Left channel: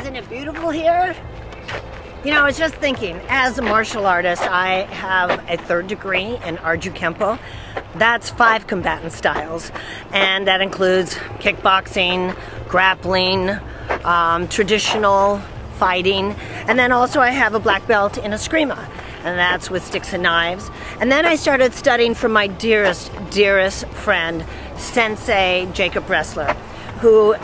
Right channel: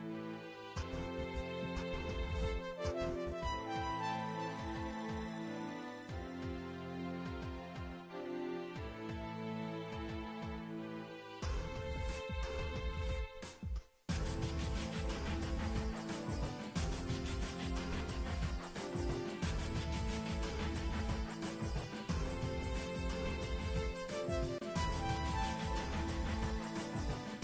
Isn't it beautiful here? You know, I was just thinking, as a martial artist, I have a 3rd degree in Arju Kempo. That's 5 combatant styles, and that includes kickboxing, grappling, traditional fighting, and then also I have a black belt in Eskrima, and that's with sticks and knives. And then I started studying from my dearest, dearest friend, Sensei Jacov Bresler, who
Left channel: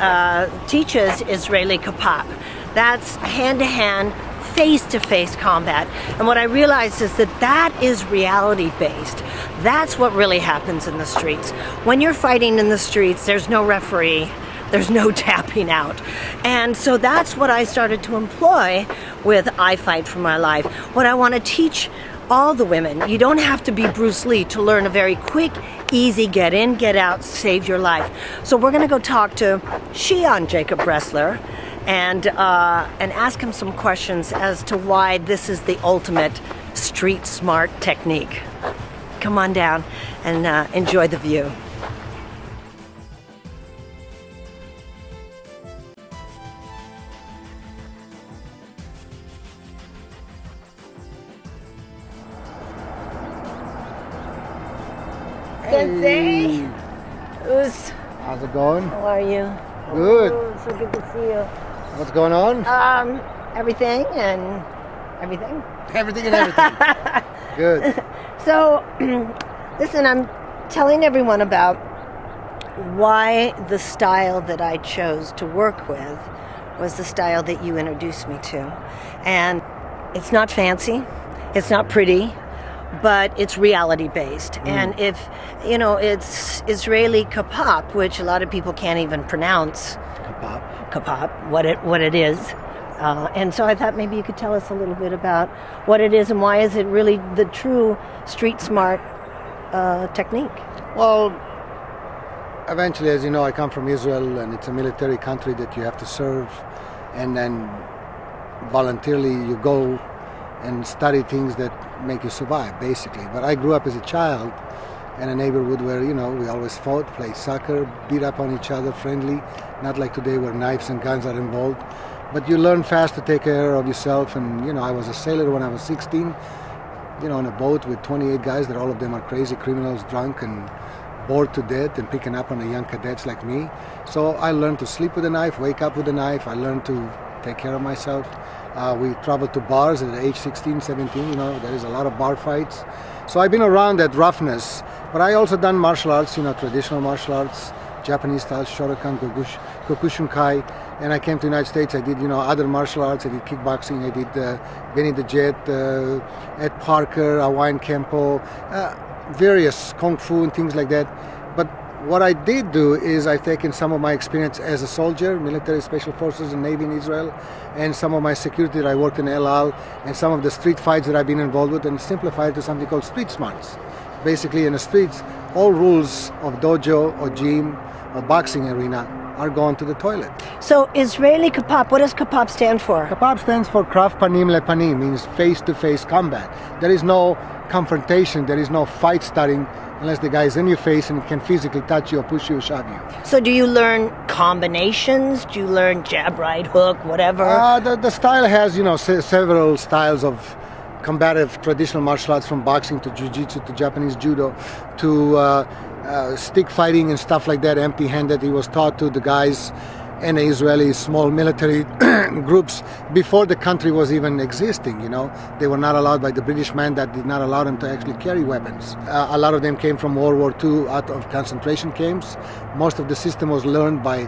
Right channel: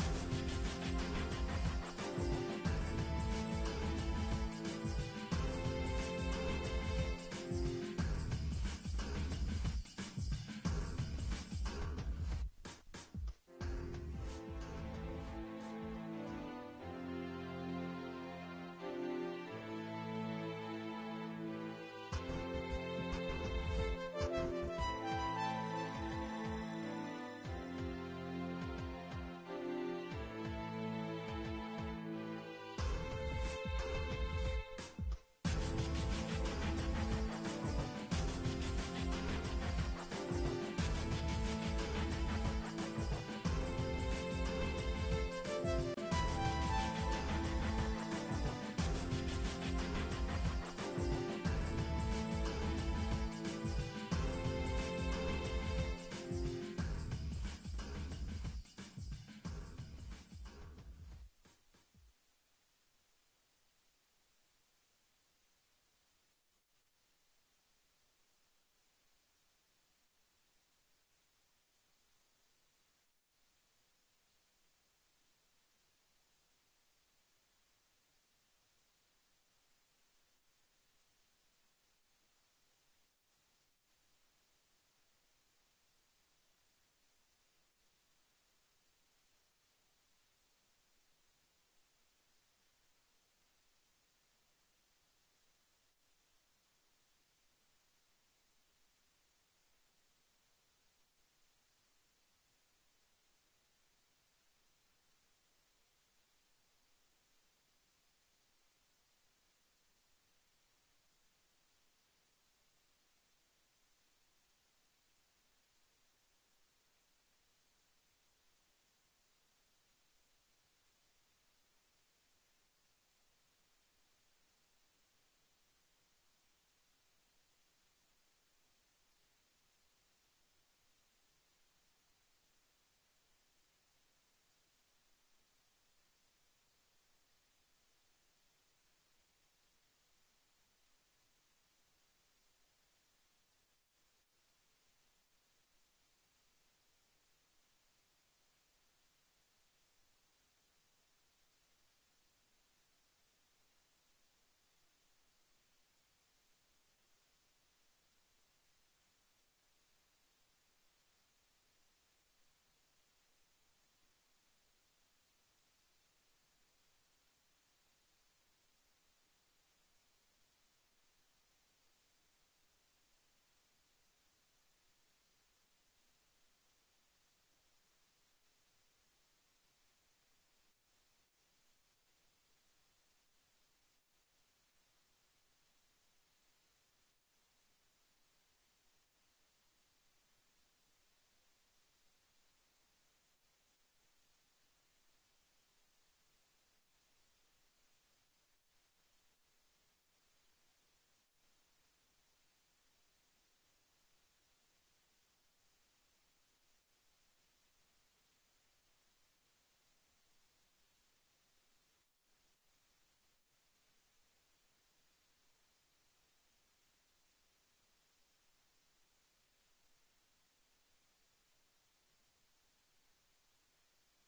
teaches Israeli KAPAP. That's hand-to-hand, face-to-face combat. And what I realized is that that is reality-based. That's what really happens in the streets. When you're fighting in the streets, there's no referee, there's no tapping out. And so that's what I started to employ with I Fight for My Life. What I want to teach all the women, you don't have to be Bruce Lee to learn a very quick, easy get in, get out, save your life. So we're gonna go talk to Shihan Jacov Bresler and ask him some questions as to why this is the ultimate street smart technique. Come on down and enjoy the view. Sensei, how's it going? How are you? Good. Oh, so good to see you. What's going on? Everything and everything. Everything and everything. Good. So, listen, I'm telling everyone about why the style that I chose to work with was the style that you introduced me to. And it's not fancy, it's not pretty, but it's reality-based. And if, you know, it's Israeli KAPAP, which a lot of people can't even pronounce. KAPAP, what it is. And so I thought maybe you could tell us a little bit about what it is and why is it really the true street smart technique? Well, eventually, as you know, I come from Israel, and it's a military country that you have to serve, and then voluntarily you go and study things that make you survive, basically. But I grew up as a child in a neighborhood where, you know, we always fought, played soccer, beat up on each other, friendly, not like today where knives and guns are involved. But you learn fast to take care of yourself, and, you know, I was a sailor when I was 16, you know, on a boat with 28 guys that all of them are crazy criminals, drunk and bored to death and picking up on the young cadets like me. So I learned to sleep with a knife, wake up with a knife. I learned to take care of myself. We traveled to bars at age 16, 17, you know, there is a lot of bar fights. So I've been around that roughness, but I also done martial arts, you know, traditional martial arts, Japanese style, Shotokan, Kyokushinkai, and I came to the United States. I did, you know, other martial arts. I did kickboxing. I did Benny the Jet, Ed Parker, Hawaiian Kempo, various Kung Fu and things like that. But what I did do is I've taken some of my experience as a soldier, military special forces and Navy in Israel, and some of my security that I worked in El Al, and some of the street fights that I've been involved with, and simplified to something called street smarts. Basically, in the streets, all rules of dojo or gym or boxing arena are gone to the toilet. So Israeli KAPAP, what does KAPAP stand for? KAPAP stands for Krav Panim Lepanim, means face-to-face combat. There is no confrontation, there is no fight starting unless the guy is in your face and can physically touch you or push you or shove you. So do you learn combinations? Do you learn jab, right, hook, whatever? The style has, you know, several styles of combative traditional martial arts, from boxing to jiu-jitsu to Japanese judo to stick fighting and stuff like that, empty-handed. He was taught to the guys in the Israeli small military groups before the country was even existing, you know. They were not allowed by the British man that did not allow them to actually carry weapons. A lot of them came from World War II out of concentration camps. Most of the system was learned by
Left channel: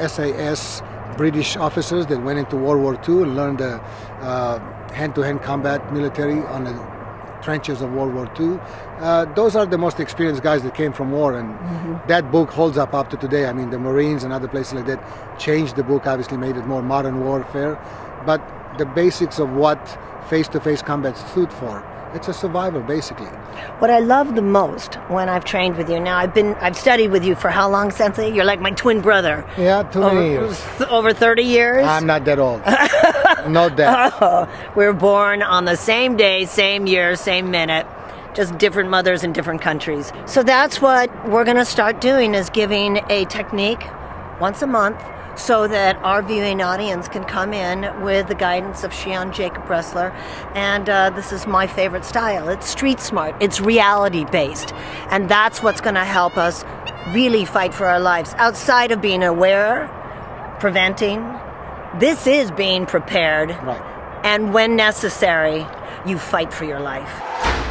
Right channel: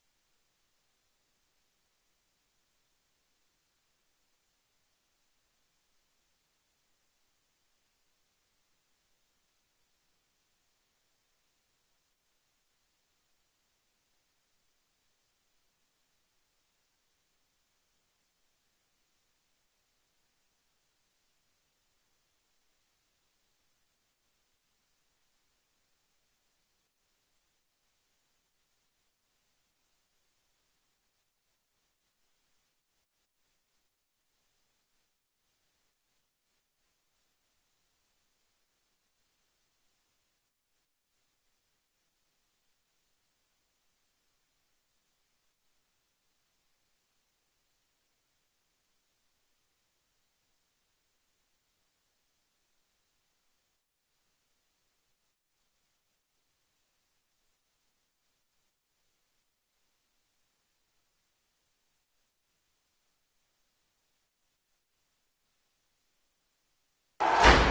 SAS British officers that went into World War II and learned the hand-to-hand combat military on the trenches of World War II. Those are the most experienced guys that came from war, and that book holds up to today. I mean, the Marines and other places like that changed the book, obviously made it more modern warfare, but the basics of what face-to-face combat stood for, it's a survival, basically. What I love the most when I've trained with you, now I've studied with you for how long, Sensei? You're like my twin brother. Yeah, too many years. Over 30 years? I'm not that old. Not that. Oh, we were born on the same day, same year, same minute. Just different mothers in different countries. So that's what we're going to start doing, is giving a technique once a month so that our viewing audience can come in with the guidance of Shihan Jacov Bresler. And this is my favorite style. It's street smart. It's reality based. And that's what's going to help us really fight for our lives. Outside of being aware, preventing, this is being prepared. Right. And when necessary, you fight for your life.